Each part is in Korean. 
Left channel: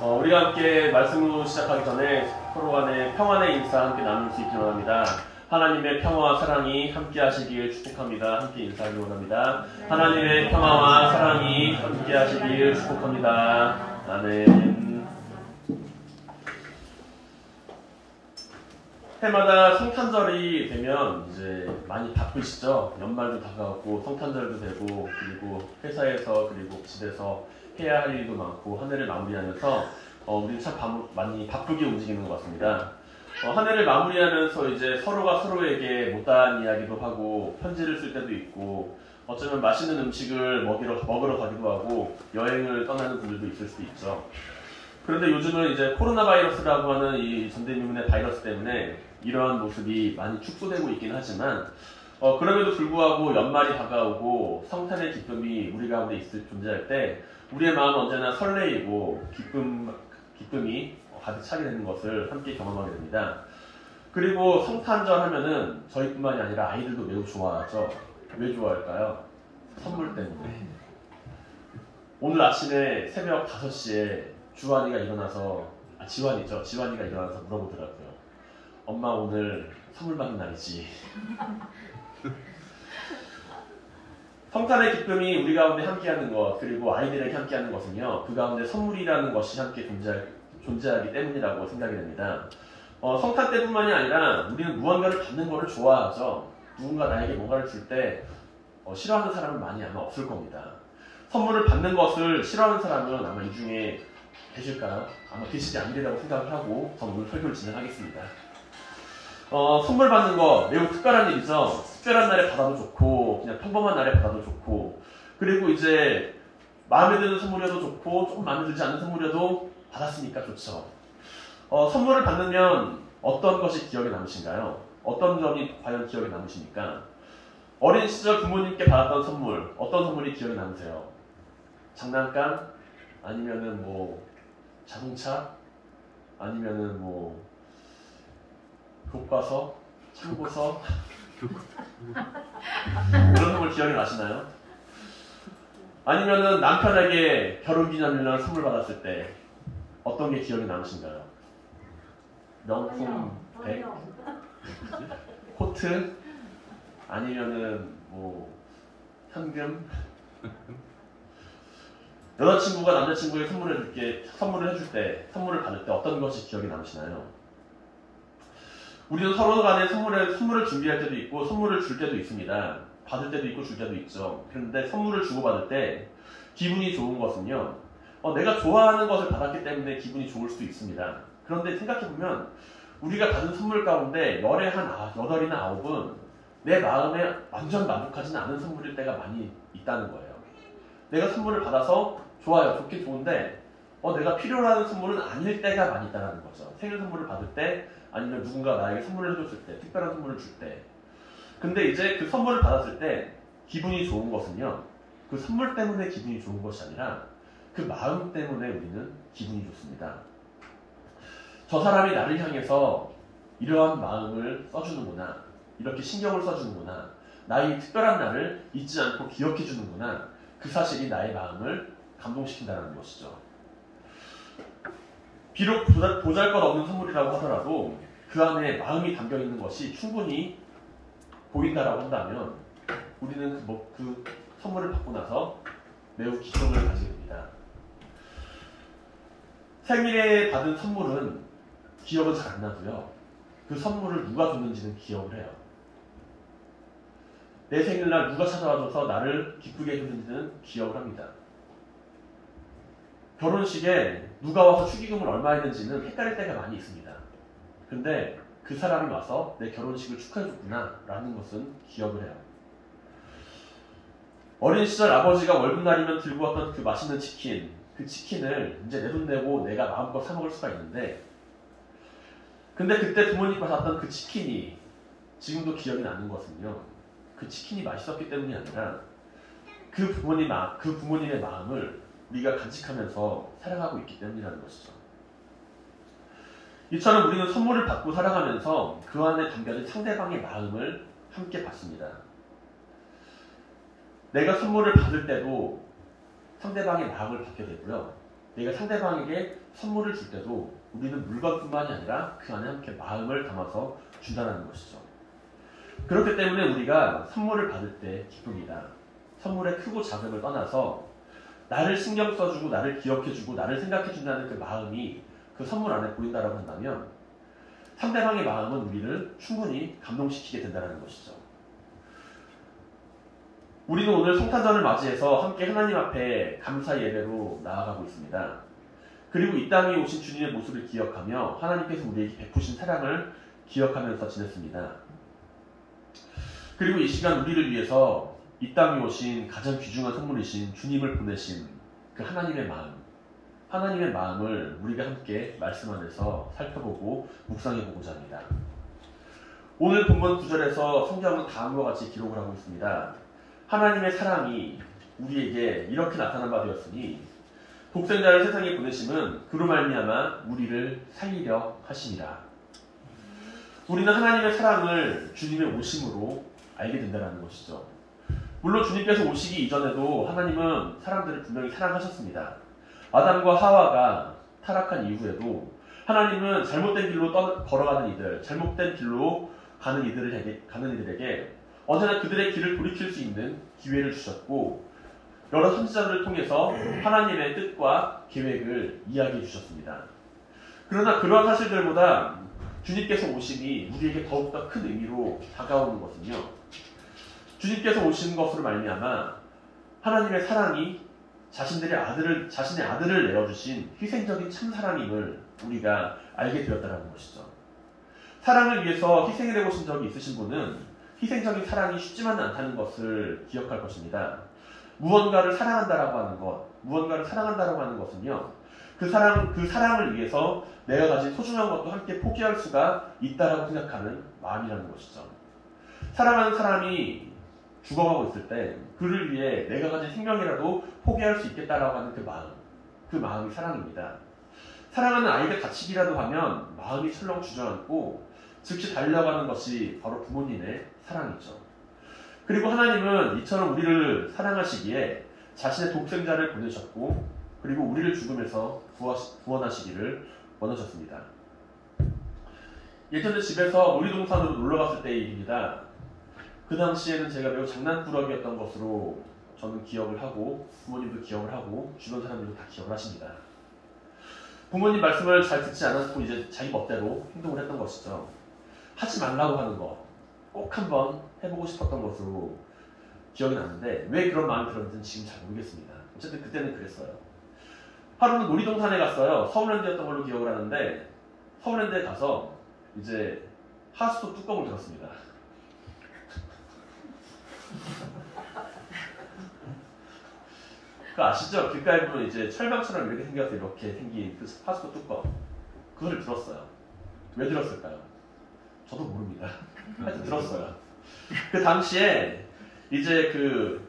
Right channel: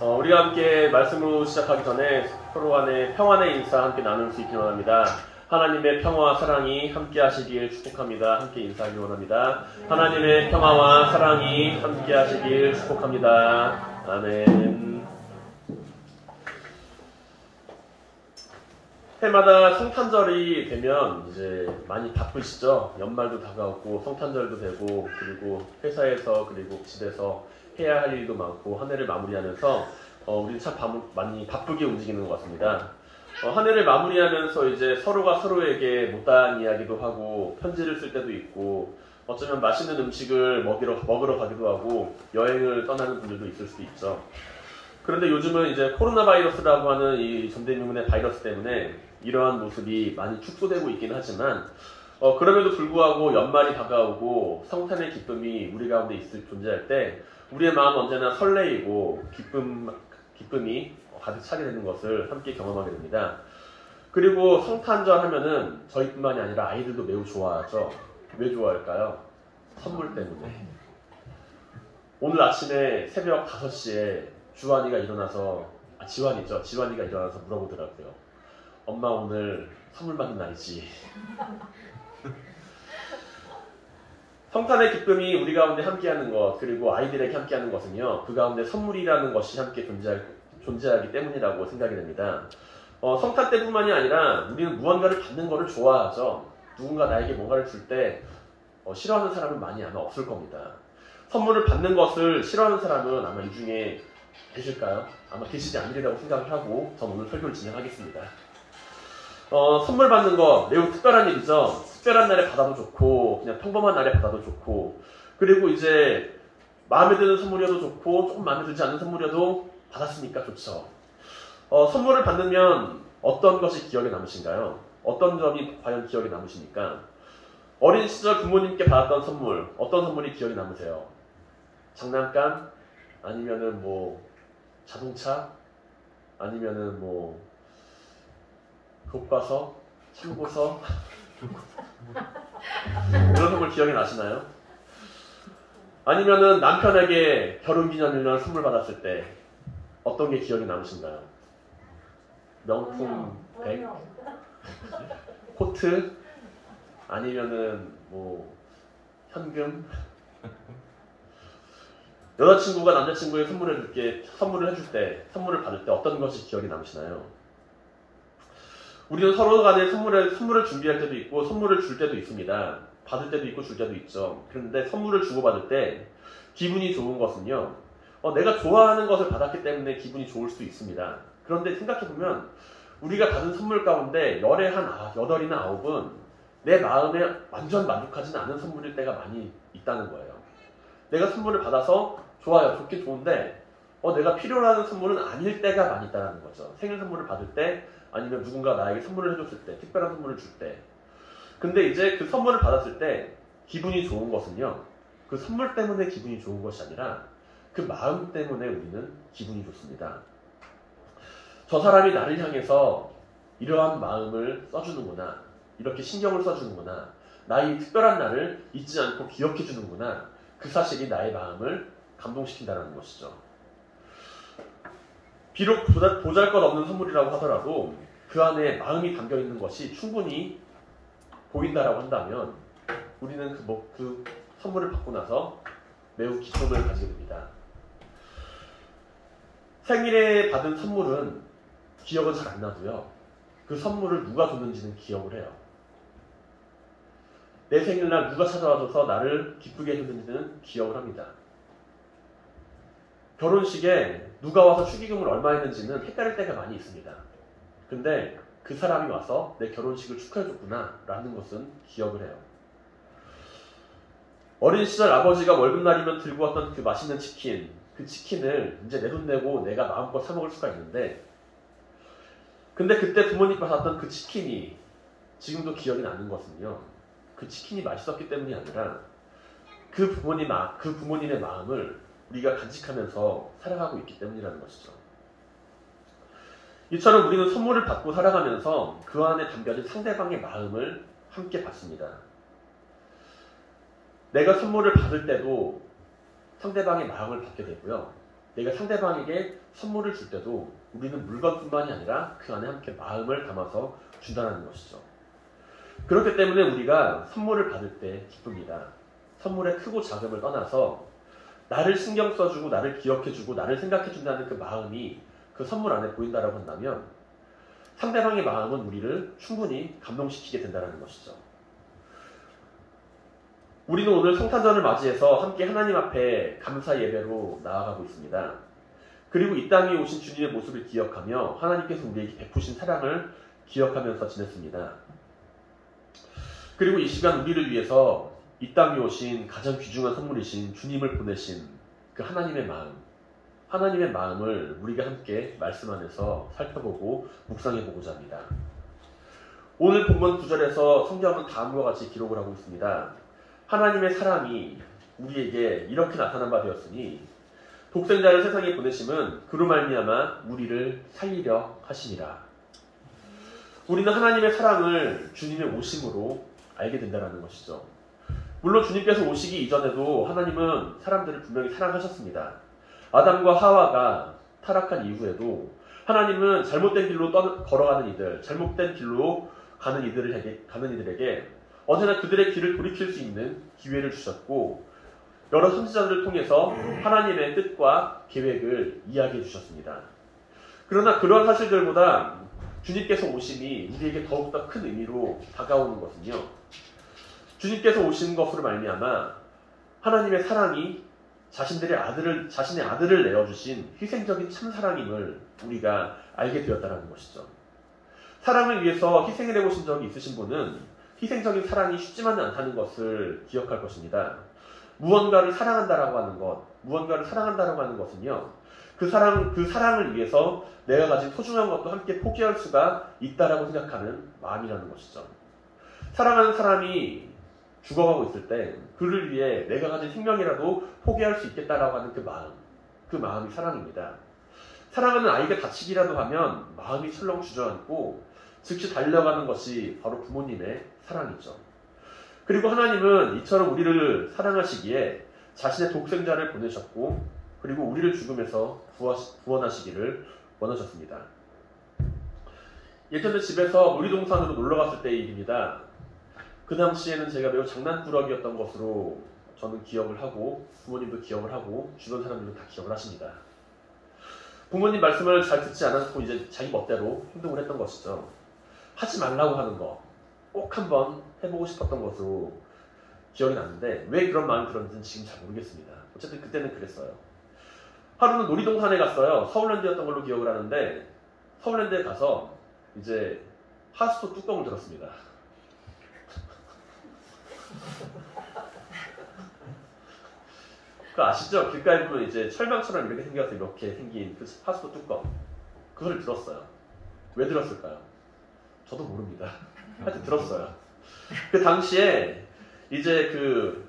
우리가 함께 말씀으로 시작하기 전에 서로 간에 평안의 인사 함께 나눌 수 있기를 원합니다. 하나님의 평화와 사랑이 함께 하시길 축복합니다. 함께 인사하길 원합니다. 하나님의 평화와 사랑이 함께 하시길 축복합니다. 아멘. 해마다 성탄절이 되면 이제 많이 바쁘시죠? 연말도 다가오고 성탄절도 되고 그리고 회사에서 그리고 집에서 해야 할 일도 많고 한 해를 마무리하면서 우리는 참 많이 바쁘게 움직이는 것 같습니다. 한 해를 마무리하면서 이제 서로가 서로에게 못다한 이야기도 하고 편지를 쓸 때도 있고 어쩌면 맛있는 음식을 먹으러 가기도 하고 여행을 떠나는 분들도 있을 수도 있죠. 그런데 요즘은 이제 코로나 바이러스라고 하는 이 전대미문의 바이러스 때문에 이러한 모습이 많이 축소되고 있긴 하지만 그럼에도 불구하고 연말이 다가오고 성탄의 기쁨이 우리 가운데 존재할 때 우리의 마음은 언제나 설레이고 기쁨이 가득 차게 되는 것을 함께 경험하게 됩니다. 그리고 성탄절 하면은 저희뿐만이 아니라 아이들도 매우 좋아하죠. 왜 좋아할까요? 선물 때문에. 오늘 아침에 새벽 5시에 지환이가 일어나서 물어보더라고요. 엄마 오늘 선물 받는 날이지. 성탄의 기쁨이 우리 가운데 함께하는 것 그리고 아이들에게 함께하는 것은요. 그 가운데 선물이라는 것이 함께 존재하기 때문이라고 생각이 됩니다. 성탄 때뿐만이 아니라 우리는 무언가를 받는 것을 좋아하죠. 누군가 나에게 뭔가를 줄 때 싫어하는 사람은 많이 아마 없을 겁니다. 선물을 받는 것을 싫어하는 사람은 아마 이 중에 계실까요? 아마 계시지 않으리라고 생각을 하고 전 오늘 설교를 진행하겠습니다. 선물 받는 거 매우 특별한 일이죠. 특별한 날에 받아도 좋고 그냥 평범한 날에 받아도 좋고 그리고 이제 마음에 드는 선물이어도 좋고 조금 마음에 들지 않는 선물이어도 받았으니까 좋죠. 선물을 받으면 어떤 것이 기억에 남으신가요? 어떤 점이 과연 기억에 남으십니까? 어린 시절 부모님께 받았던 선물 어떤 선물이 기억에 남으세요? 장난감? 아니면은 자동차? 아니면은 교과서? 참고서? 이런 선물 기억이 나시나요? 아니면은 남편에게 결혼기념일날 선물 받았을 때 어떤 게 기억이 남으신가요? 명품 백? 코트? 아니면은 현금? 여자친구가 남자친구에게 선물을 받을 때 어떤 것이 기억이 남으시나요? 우리는 서로 간에 선물을 준비할 때도 있고 선물을 줄 때도 있습니다. 받을 때도 있고 줄 때도 있죠. 그런데 선물을 주고받을 때 기분이 좋은 것은요. 내가 좋아하는 것을 받았기 때문에 기분이 좋을 수 있습니다. 그런데 생각해보면 우리가 받은 선물 가운데 열에 한 8이나 9은 내 마음에 완전 만족하지는 않은 선물일 때가 많이 있다는 거예요. 내가 선물을 받아서 좋아요. 좋긴 좋은데 내가 필요로 하는 선물은 아닐 때가 많이 있다는 거죠. 생일 선물을 받을 때 아니면 누군가 나에게 선물을 해줬을 때 특별한 선물을 줄 때 근데 이제 그 선물을 받았을 때 기분이 좋은 것은요. 그 선물 때문에 기분이 좋은 것이 아니라 그 마음 때문에 우리는 기분이 좋습니다. 저 사람이 나를 향해서 이러한 마음을 써주는구나. 이렇게 신경을 써주는구나. 나의 특별한 날을 잊지 않고 기억해주는구나. 그 사실이 나의 마음을 감동시킨다는 것이죠. 비록 보잘것없는 선물이라고 하더라도 그 안에 마음이 담겨있는 것이 충분히 보인다라고 한다면 우리는 그 선물을 받고 나서 매우 기쁨을 가지게 됩니다. 생일에 받은 선물은 기억은 잘 안 나도요. 그 선물을 누가 줬는지는 기억을 해요. 내 생일날 누가 찾아와줘서 나를 기쁘게 해줬는지는 기억을 합니다. 결혼식에 누가 와서 축의금을 얼마 했는지는 헷갈릴 때가 많이 있습니다. 근데 그 사람이 와서 내 결혼식을 축하해줬구나 라는 것은 기억을 해요. 어린 시절 아버지가 월급날이면 들고 왔던 그 맛있는 치킨 그 치킨을 이제 내 돈 내고 내가 마음껏 사 먹을 수가 있는데 근데 그때 부모님께 받았던 그 치킨이 지금도 기억이 나는 것은요. 그 치킨이 맛있었기 때문이 아니라 그 부모님의 마음을 우리가 간직하면서 살아가고 있기 때문이라는 것이죠. 이처럼 우리는 선물을 받고 살아가면서 그 안에 담겨진 상대방의 마음을 함께 받습니다. 내가 선물을 받을 때도 상대방의 마음을 받게 되고요. 내가 상대방에게 선물을 줄 때도 우리는 물건뿐만이 아니라 그 안에 함께 마음을 담아서 준다는 것이죠. 그렇기 때문에 우리가 선물을 받을 때 기쁩니다. 선물의 크고 작음을 떠나서 나를 신경 써주고 나를 기억해주고 나를 생각해준다는 그 마음이 그 선물 안에 보인다고 한다면 상대방의 마음은 우리를 충분히 감동시키게 된다는 것이죠. 우리는 오늘 성탄절을 맞이해서 함께 하나님 앞에 감사 예배로 나아가고 있습니다. 그리고 이 땅에 오신 주님의 모습을 기억하며 하나님께서 우리에게 베푸신 사랑을 기억하면서 지냈습니다. 그리고 이 시간 우리를 위해서 이 땅에 오신 가장 귀중한 선물이신 주님을 보내신 그 하나님의 마음을 우리가 함께 말씀 안에서 살펴보고 묵상해보고자 합니다. 오늘 본문 9절에서 성경은 다음과 같이 기록을 하고 있습니다. 하나님의 사랑이 우리에게 이렇게 나타난 바 되었으니 독생자를 세상에 보내심은 그로 말미암아 우리를 살리려 하심이라. 우리는 하나님의 사랑을 주님의 오심으로 알게 된다는 것이죠. 물론 주님께서 오시기 이전에도 하나님은 사람들을 분명히 사랑하셨습니다. 아담과 하와가 타락한 이후에도 하나님은 잘못된 길로 걸어가는 이들, 잘못된 길로 가는 이들에게 언제나 그들의 길을 돌이킬 수 있는 기회를 주셨고 여러 선지자들을 통해서 하나님의 뜻과 계획을 이야기해 주셨습니다. 그러나 그러한 사실들보다 주님께서 오심이 우리에게 더욱더 큰 의미로 다가오는 것은요. 주님께서 오신 것으로 말미암아 하나님의 사랑이 자신의 아들을 내어주신 희생적인 참사랑임을 우리가 알게 되었다는 것이죠. 사랑을 위해서 희생을 해보신 적이 있으신 분은 희생적인 사랑이 쉽지만은 않다는 것을 기억할 것입니다. 무언가를 사랑한다라고 하는 것은요. 그 사랑을 위해서 내가 가진 소중한 것도 함께 포기할 수가 있다라고 생각하는 마음이라는 것이죠. 사랑하는 사람이 죽어가고 있을 때 그를 위해 내가 가진 생명이라도 포기할 수 있겠다라고 하는 그 마음이 사랑입니다. 사랑하는 아이가 다치기라도 하면 마음이 철렁 주저앉고 즉시 달려가는 것이 바로 부모님의 사랑이죠. 그리고 하나님은 이처럼 우리를 사랑하시기에 자신의 독생자를 보내셨고 그리고 우리를 죽음에서 구원하시기를 원하셨습니다. 예전에 집에서 놀이동산으로 놀러갔을 때의 일입니다. 그 당시에는 제가 매우 장난꾸러기였던 것으로 저는 기억을 하고 부모님도 기억을 하고 주변 사람들도 다 기억을 하십니다. 부모님 말씀을 잘 듣지 않았고 이제 자기 멋대로 행동을 했던 것이죠. 하지 말라고 하는 거 꼭 한번 해보고 싶었던 것으로 기억이 나는데 왜 그런 마음이 들었는지는 지금 잘 모르겠습니다. 어쨌든 그때는 그랬어요. 하루는 놀이동산에 갔어요. 서울랜드였던 걸로 기억을 하는데 서울랜드에 가서 이제 하수도 뚜껑을 들었습니다. 그거 아시죠? 길가에 보면 이제 철망처럼 이렇게 생겨서 이렇게 생긴 그 하수도 뚜껑. 그거를 들었어요. 왜 들었을까요? 저도 모릅니다. 하여튼 들었어요. 그 당시에 이제 그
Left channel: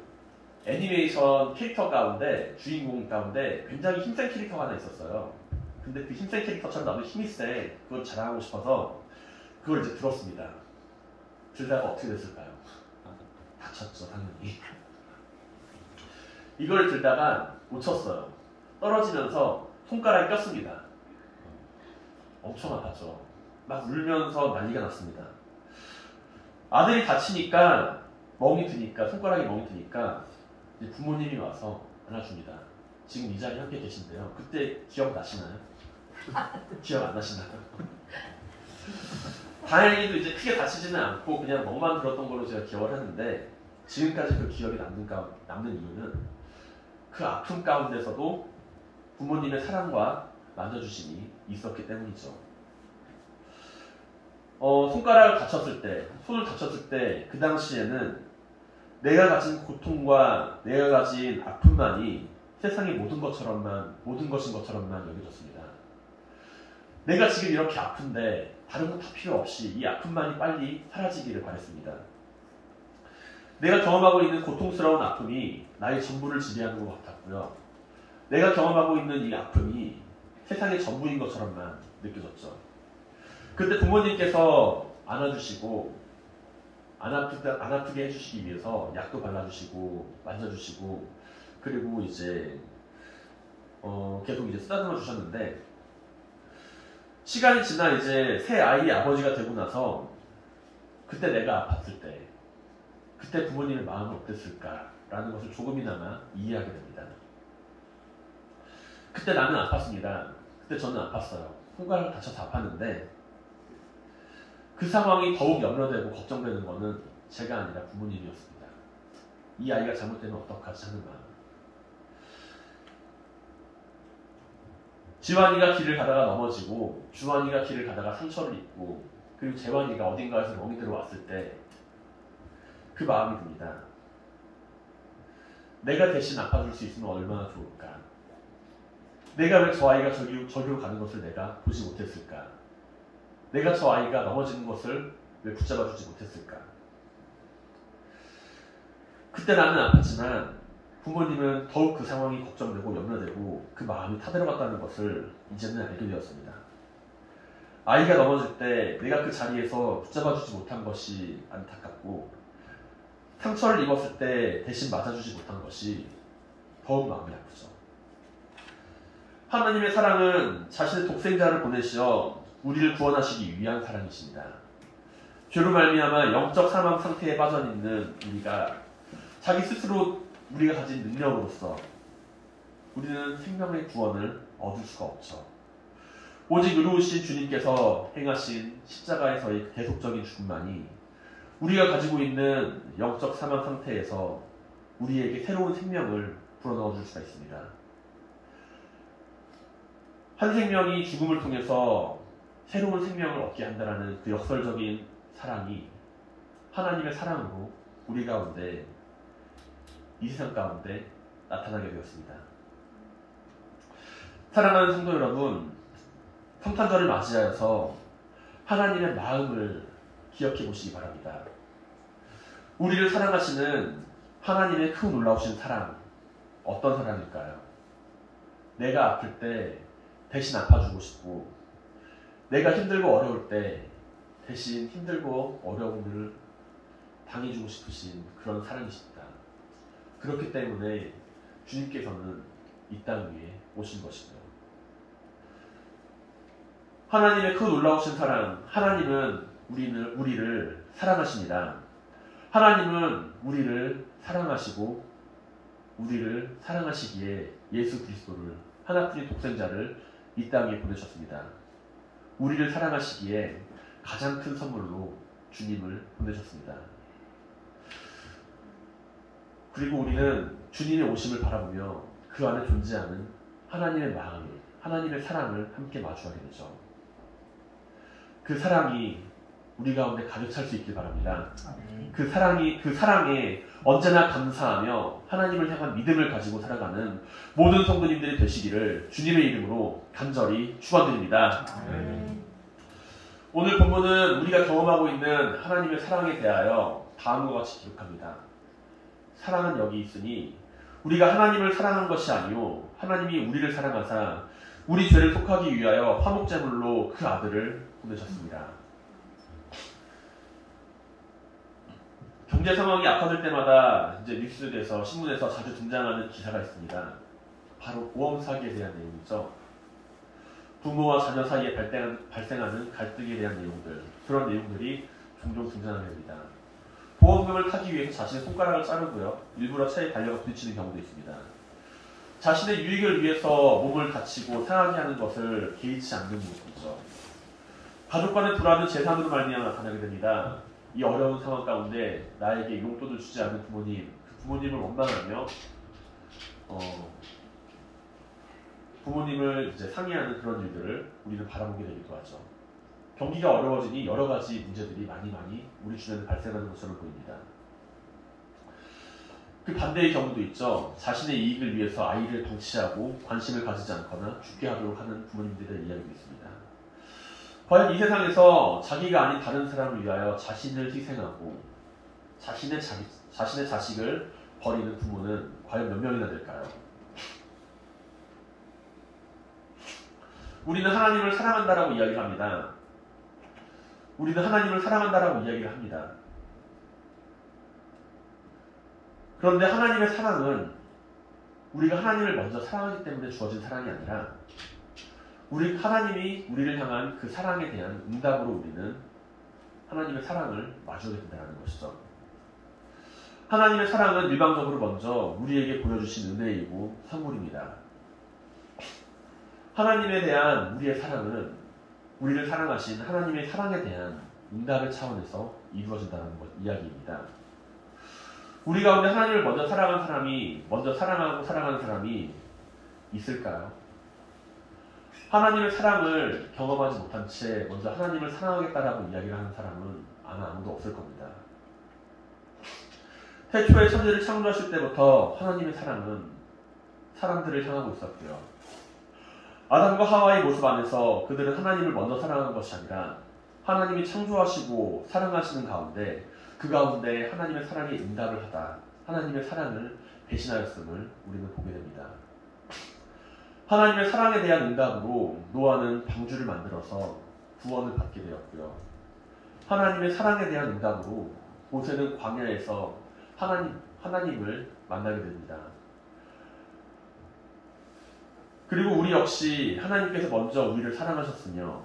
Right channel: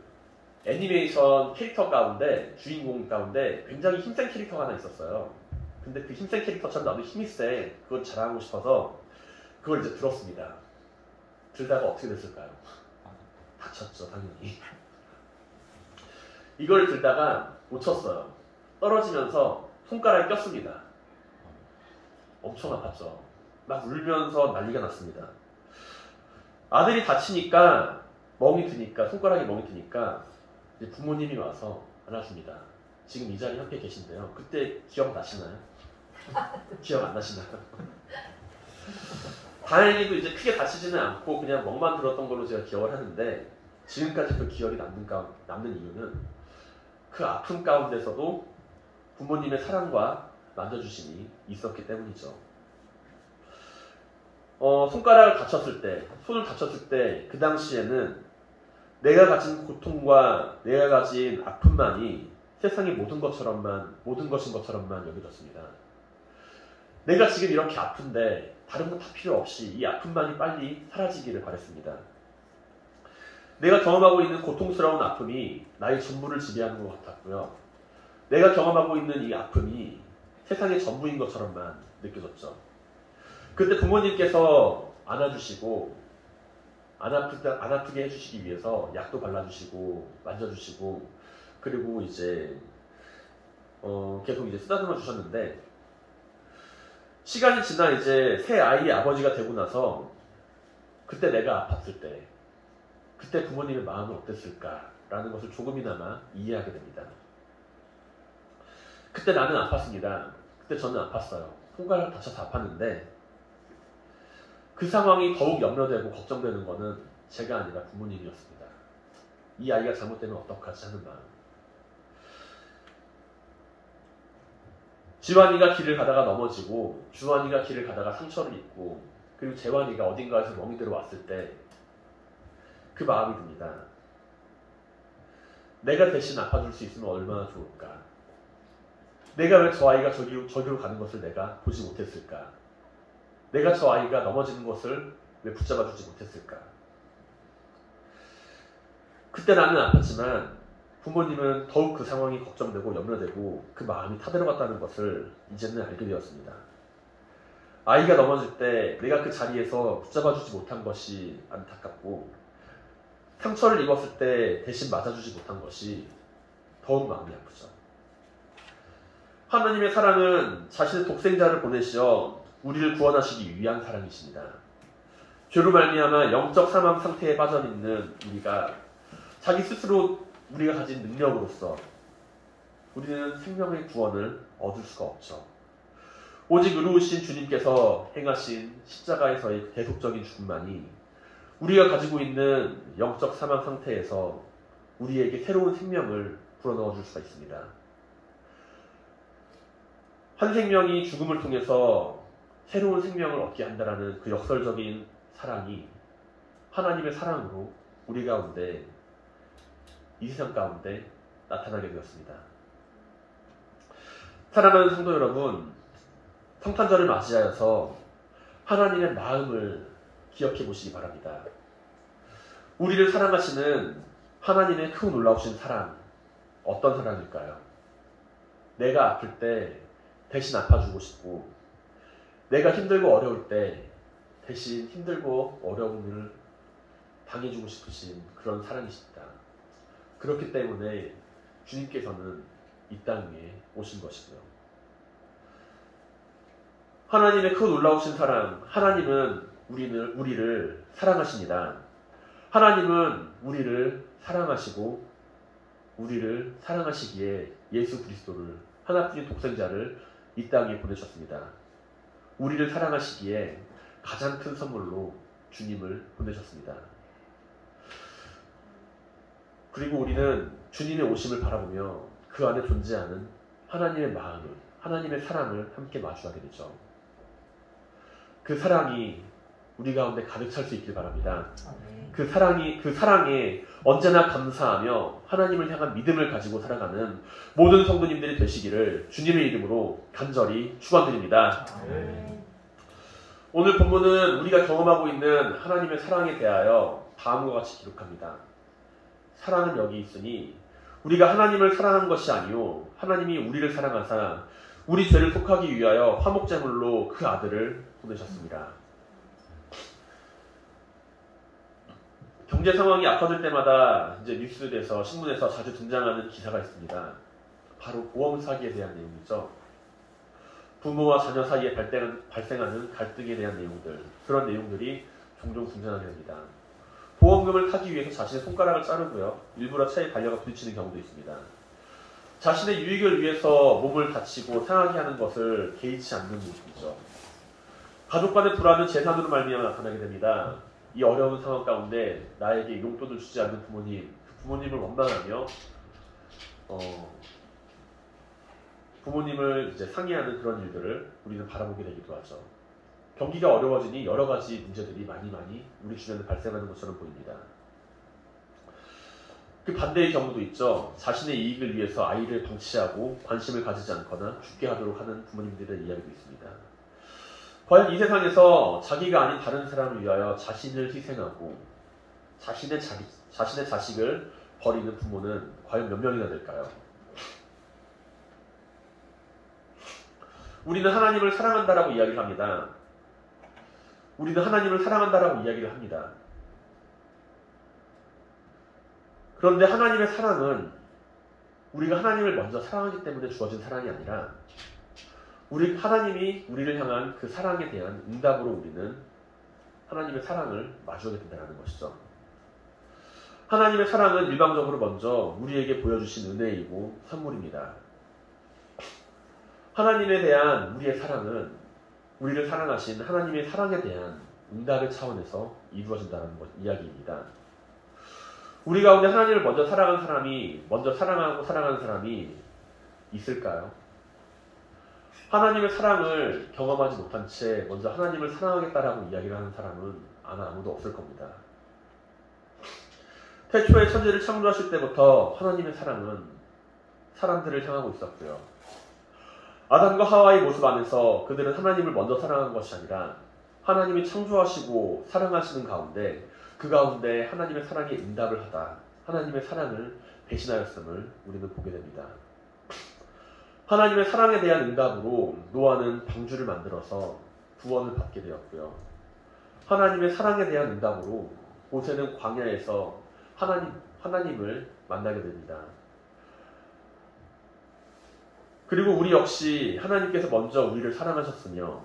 애니메이션 캐릭터 가운데, 주인공 가운데 굉장히 힘센 캐릭터가 하나 있었어요. 근데 그 힘센 캐릭터처럼 나도 힘이 세. 그걸 자랑하고 싶어서 그걸 이제 들었습니다. 들다가 어떻게 됐을까요? 다쳤죠, 당연히. 이걸 들다가 놓쳤어요. 떨어지면서 손가락이 꼈습니다. 엄청 아팠죠. 막 울면서 난리가 났습니다. 아들이 다치니까 손가락이 멍이 드니까 이제 부모님이 와서 안아줍니다. 지금 이 자리에 함께 계신데요. 그때 기억나시나요? 기억 안 나시나요? 다행히도 이제 크게 다치지는 않고 그냥 멍만 들었던 걸로 제가 기억을 하는데 지금까지 그 기억이 남는 이유는 그 아픔 가운데서도 부모님의 사랑과 만져주심이 있었기 때문이죠. 손가락을 다쳤을 때, 손을 다쳤을 때 그 당시에는 내가 가진 고통과 내가 가진 아픔만이 세상의 모든 것인 것처럼만 여겨졌습니다. 내가 지금 이렇게 아픈데 다른 건 다 필요 없이 이 아픔만이 빨리 사라지기를 바랬습니다. 내가 경험하고 있는 고통스러운 아픔이 나의 전부를 지배하는 것 같았고요. 내가 경험하고 있는 이 아픔이 세상의 전부인 것처럼만 느껴졌죠. 그때 부모님께서 안아주시고 안 아프게 해주시기 위해서 약도 발라주시고 만져주시고 그리고 이제 계속 이제 쓰다듬어 주셨는데, 시간이 지나 이제 새 아이의 아버지가 되고 나서 그때 내가 아팠을 때 그때 부모님의 마음은 어땠을까라는 것을 조금이나마 이해하게 됩니다. 그때 나는 아팠습니다. 그때 저는 아팠어요. 손가락 다쳐서 아팠는데 그 상황이 더욱 염려되고 걱정되는 것은 제가 아니라 부모님이었습니다. 이 아이가 잘못되면 어떡하지 하는 마음. 지환이가 길을 가다가 넘어지고 주환이가 길을 가다가 상처를 입고 그리고 재환이가 어딘가에서 멍이 들어왔을 때 그 마음이 듭니다. 내가 대신 아파줄 수 있으면 얼마나 좋을까. 내가 왜 저 아이가 저기로 가는 것을 내가 보지 못했을까. 내가 저 아이가 넘어지는 것을 왜 붙잡아주지 못했을까. 그때 나는 아팠지만 부모님은 더욱 그 상황이 걱정되고 염려되고 그 마음이 타들어갔다는 것을 이제는 알게 되었습니다. 아이가 넘어질 때 내가 그 자리에서 붙잡아주지 못한 것이 안타깝고 상처를 입었을 때 대신 맞아주지 못한 것이 더욱 마음이 아프죠. 하나님의 사랑은 자신의 독생자를 보내시어 우리를 구원하시기 위한 사랑이십니다. 죄로 말미암아 영적 사망 상태에 빠져있는 우리가 자기 스스로 우리가 가진 능력으로서 우리는 생명의 구원을 얻을 수가 없죠. 오직 의로우신 주님께서 행하신 십자가에서의 그 대속적인 죽음만이 우리가 가지고 있는 영적 사망 상태에서 우리에게 새로운 생명을 불어넣어 줄 수가 있습니다. 한 생명이 죽음을 통해서 새로운 생명을 얻게 한다는 그 역설적인 사랑이 하나님의 사랑으로 우리 가운데, 이 세상 가운데 나타나게 되었습니다. 사랑하는 성도 여러분, 성탄절을 맞이하여서 하나님의 마음을 기억해 보시기 바랍니다. 우리를 사랑하시는 하나님의 크고 놀라우신 사랑, 어떤 사랑일까요? 내가 아플 때 대신 아파주고 싶고, 내가 힘들고 어려울 때 대신 힘들고 어려운 일을 당해주고 싶으신 그런 사랑이십니다. 그렇기 때문에 주님께서는 이 땅 위에 오신 것이고요. 하나님의 크고 놀라우신 사랑, 하나님은 우리를 사랑하십니다. 하나님은 우리를 사랑하시고 우리를 사랑하시기에 예수 그리스도를, 하나뿐인 독생자를 이 땅에 보내셨습니다. 우리를 사랑하시기에 가장 큰 선물로 주님을 보내셨습니다. 그리고 우리는 주님의 오심을 바라보며 그 안에 존재하는 하나님의 마음을, 하나님의 사랑을 함께 마주하게 되죠. 그 사랑이 우리 가운데 가득 찰 수 있길 바랍니다. 그 사랑에 언제나 감사하며 하나님을 향한 믿음을 가지고 살아가는 모든 성도님들이 되시기를 주님의 이름으로 간절히 축원드립니다. 오늘 본문은 우리가 경험하고 있는 하나님의 사랑에 대하여 다음과 같이 기록합니다. 사랑은 여기 있으니 우리가 하나님을 사랑한 것이 아니요 하나님이 우리를 사랑하사 우리 죄를 속하기 위하여 화목제물로 그 아들을 보내셨습니다. 경제 상황이 악화될 때마다 이제 뉴스에서, 신문에서 자주 등장하는 기사가 있습니다. 바로 보험 사기에 대한 내용이죠. 부모와 자녀 사이에 발생하는 갈등에 대한 내용들, 그런 내용들이 종종 등장하게 됩니다. 보험금을 타기 위해서 자신의 손가락을 자르고요, 일부러 차에 달려가 부딪히는 경우도 있습니다. 자신의 유익을 위해서 몸을 다치고 상하게 하는 것을 개의치 않는 모습이죠. 가족 간의 불화는 재산으로 말미암아 나타나게 됩니다. 이 어려운 상황 가운데 나에게 용돈을 주지 않는 부모님, 그 부모님을 원망하며 부모님을 이제 상의하는 그런 일들을 우리는 바라보게 되기도 하죠. 경기가 어려워지니 여러 가지 문제들이 많이 우리 주변에 발생하는 것처럼 보입니다. 그 반대의 경우도 있죠. 자신의 이익을 위해서 아이를 방치하고 관심을 가지지 않거나 죽게 하도록 하는 부모님들의 이야기도 있습니다. 과연 이 세상에서 자기가 아닌 다른 사람을 위하여 자신을 희생하고 자신의 자식을 버리는 부모는 과연 몇 명이나 될까요? 우리는 하나님을 사랑한다라고 이야기를 합니다. 우리는 하나님을 사랑한다라고 이야기를 합니다. 그런데 하나님의 사랑은 우리가 하나님을 먼저 사랑하기 때문에 주어진 사랑이 아니라 하나님이 우리를 향한 그 사랑에 대한 응답으로 우리는 하나님의 사랑을 마주하게 된다는 것이죠. 하나님의 사랑은 일방적으로 먼저 우리에게 보여주신 은혜이고 선물입니다. 하나님에 대한 우리의 사랑은 우리를 사랑하신 하나님의 사랑에 대한 응답의 차원에서 이루어진다는 이야기입니다. 우리 가운데 하나님을 먼저 사랑한 사람이, 먼저 사랑하고 사랑하는 사람이 있을까요? 하나님의 사랑을 경험하지 못한 채 먼저 하나님을 사랑하겠다라고 이야기를 하는 사람은 아마 아무도 없을 겁니다. 태초에 천지를 창조하실 때부터 하나님의 사랑은 사람들을 향하고 있었고요. 아담과 하와의 모습 안에서 그들은 하나님을 먼저 사랑한 것이 아니라 하나님이 창조하시고 사랑하시는 가운데 그 가운데 하나님의 사랑에 응답을 하다 하나님의 사랑을 배신하였음을 우리는 보게 됩니다. 하나님의 사랑에 대한 응답으로 노아는 방주를 만들어서 구원을 받게 되었고요. 하나님의 사랑에 대한 응답으로 모세는 광야에서 하나님을 만나게 됩니다. 그리고 우리 역시 하나님께서 먼저 우리를 사랑하셨으며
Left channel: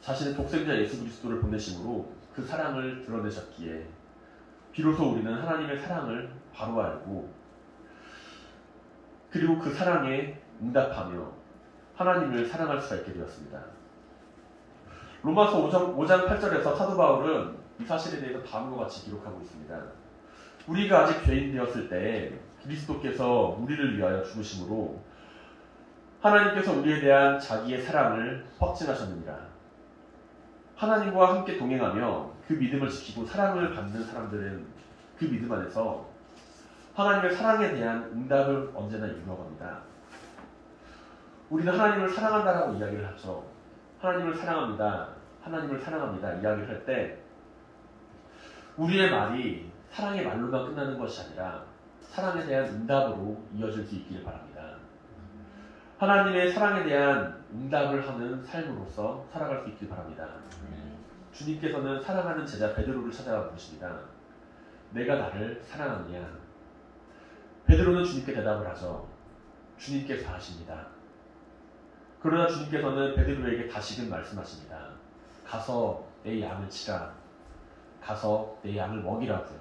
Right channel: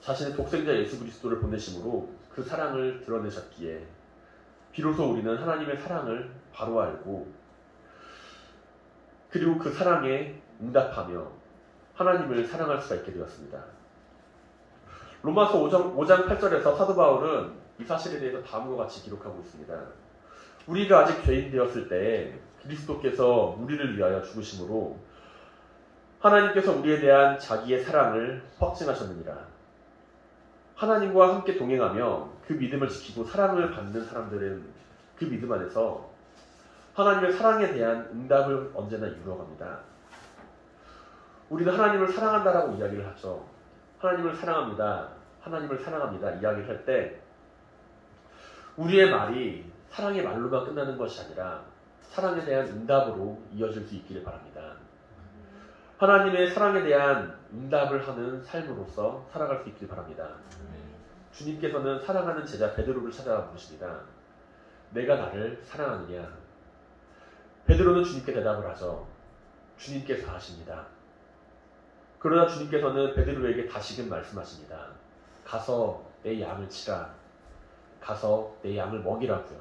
자신의 독생자 예수 그리스도를 보내심으로 그 사랑을 드러내셨기에 비로소 우리는 하나님의 사랑을 바로 알고 그리고 그 사랑에 응답하며 하나님을 사랑할 수가 있게 되었습니다. 로마서 5장 8절에서 사도 바울은 이 사실에 대해서 다음과 같이 기록하고 있습니다. 우리가 아직 죄인 되었을 때 그리스도께서 우리를 위하여 죽으심으로 하나님께서 우리에 대한 자기의 사랑을 확증하셨느니라. 하나님과 함께 동행하며 그 믿음을 지키고 사랑을 받는 사람들은 그 믿음 안에서 하나님의 사랑에 대한 응답을 언제나 이루어갑니다. 우리는 하나님을 사랑한다라고 이야기를 하죠. 하나님을 사랑합니다. 하나님을 사랑합니다. 이야기를 할 때 우리의 말이 사랑의 말로만 끝나는 것이 아니라 사랑에 대한 응답으로 이어질 수 있기를 바랍니다. 하나님의 사랑에 대한 응답을 하는 삶으로서 살아갈 수 있길 바랍니다. 주님께서는 사랑하는 제자 베드로를 찾아와 물으십니다. 내가 나를 사랑하느냐? 베드로는 주님께 대답을 하죠. 주님께서 아십니다. 그러나 주님께서는 베드로에게 다시금 말씀하십니다. 가서 내 양을 치라. 가서 내 양을 먹이라고요.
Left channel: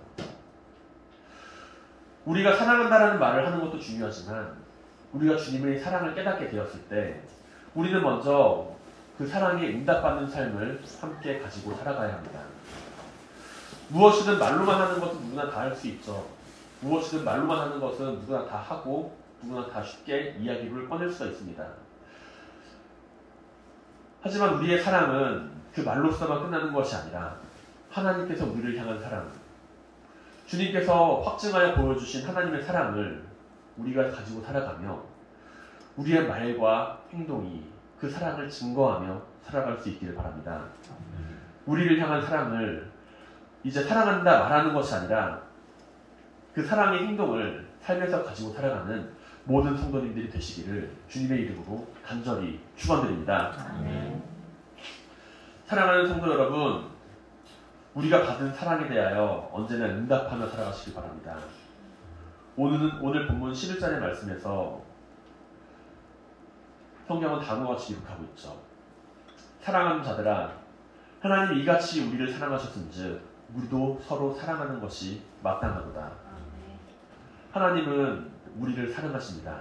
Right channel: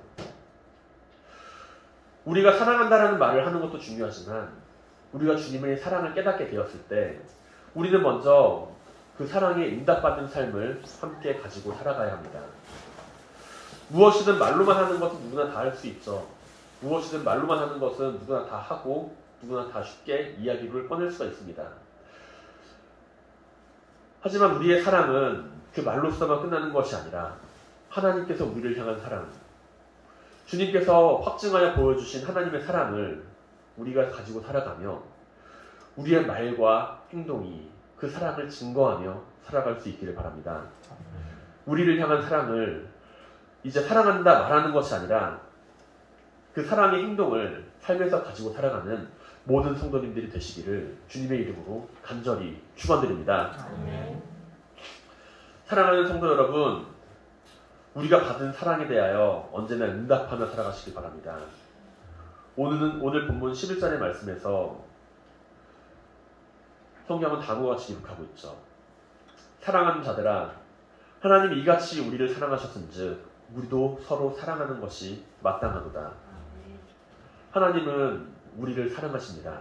우리가 사랑한다라는 말을 하는 것도 중요하지만 우리가 주님의 사랑을 깨닫게 되었을 때 우리는 먼저 그 사랑에 응답받는 삶을 함께 가지고 살아가야 합니다. 무엇이든 말로만 하는 것은 누구나 다 할 수 있죠. 무엇이든 말로만 하는 것은 누구나 다 하고 누구나 다 쉽게 이야기를 꺼낼 수가 있습니다. 하지만 우리의 사랑은 그 말로서만 끝나는 것이 아니라 하나님께서 우리를 향한 사랑, 주님께서 확증하여 보여주신 하나님의 사랑을 우리가 가지고 살아가며 우리의 말과 행동이 그 사랑을 증거하며 살아갈 수 있기를 바랍니다. 우리를 향한 사랑을 이제 사랑한다 말하는 것이 아니라 그 사랑의 행동을 삶에서 가지고 살아가는 모든 성도님들이 되시기를 주님의 이름으로 간절히 축원드립니다. 사랑하는 성도 여러분, 우리가 받은 사랑에 대하여 언제나 응답하며 살아가시길 바랍니다. 오늘 본문 11절의 말씀에서 성경은 다음과 같이 기록하고 있죠. 사랑하는 자들아, 하나님이 이같이 우리를 사랑하셨은즉 우리도 서로 사랑하는 것이 마땅하도다. 하나님은 우리를 사랑하십니다.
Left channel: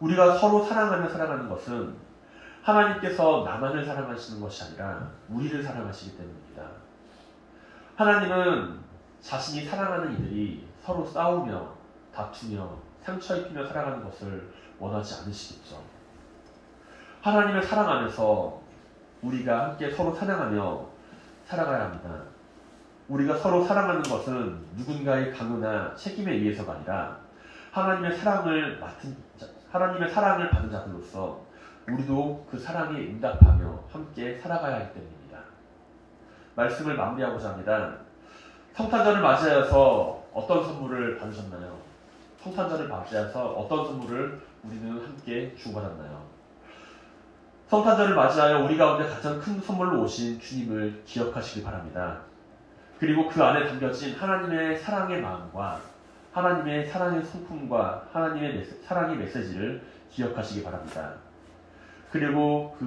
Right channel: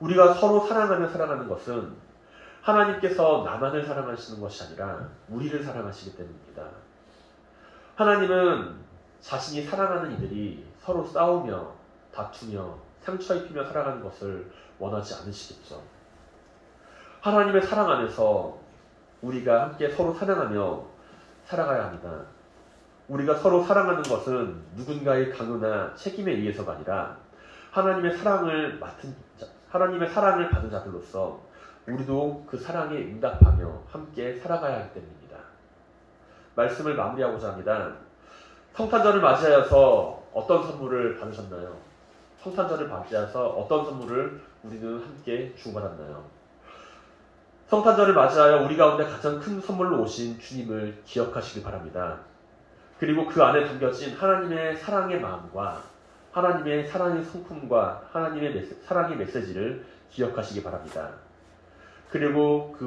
우리가 서로 사랑하며 살아가는 것은 하나님께서 나만을 사랑하시는 것이 아니라 우리를 사랑하시기 때문입니다. 하나님은 자신이 사랑하는 이들이 서로 싸우며 다투며 상처 입히며 살아가는 것을 원하지 않으시겠죠. 하나님의 사랑 안에서 우리가 함께 서로 사랑하며 살아가야 합니다. 우리가 서로 사랑하는 것은 누군가의 강요나 책임에 의해서가 아니라 하나님의 사랑을 받은 자들로서 우리도 그 사랑에 응답하며 함께 살아가야 하기 때문입니다. 말씀을 마무리하고자 합니다. 성탄절을 맞이하여서 어떤 선물을 받으셨나요? 성탄절을 맞이해서 어떤 선물을 우리는 함께 주고받았나요? 성탄절을 맞이하여 우리 가운데 가장 큰 선물로 오신 주님을 기억하시길 바랍니다. 그리고 그 안에 담겨진 하나님의 사랑의 마음과 하나님의 사랑의 성품과 하나님의 사랑의 메시지를 기억하시기 바랍니다. 그리고 그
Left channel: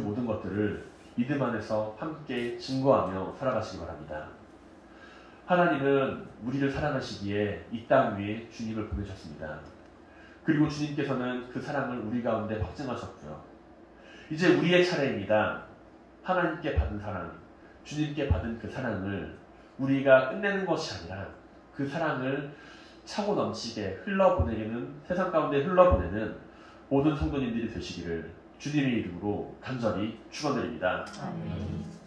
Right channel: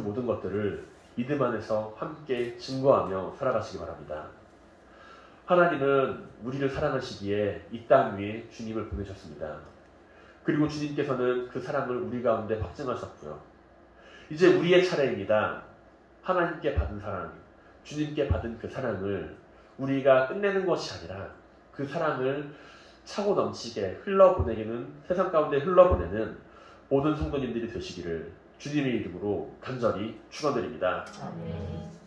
모든 것들을 믿음 안에서 함께 증거하며 살아가시기 바랍니다. 하나님은 우리를 사랑하시기에 이 땅 위에 주님을 보내셨습니다. 그리고 주님께서는 그 사랑을 우리 가운데 확증하셨고요. 이제 우리의 차례입니다. 하나님께 받은 사랑, 주님께 받은 그 사랑을 우리가 끝내는 것이 아니라 그 사랑을 차고 넘치게 흘러보내는, 세상 가운데 흘러보내는 모든 성도님들이 되시기를 주님의 이름으로 간절히 축원드립니다. 아멘.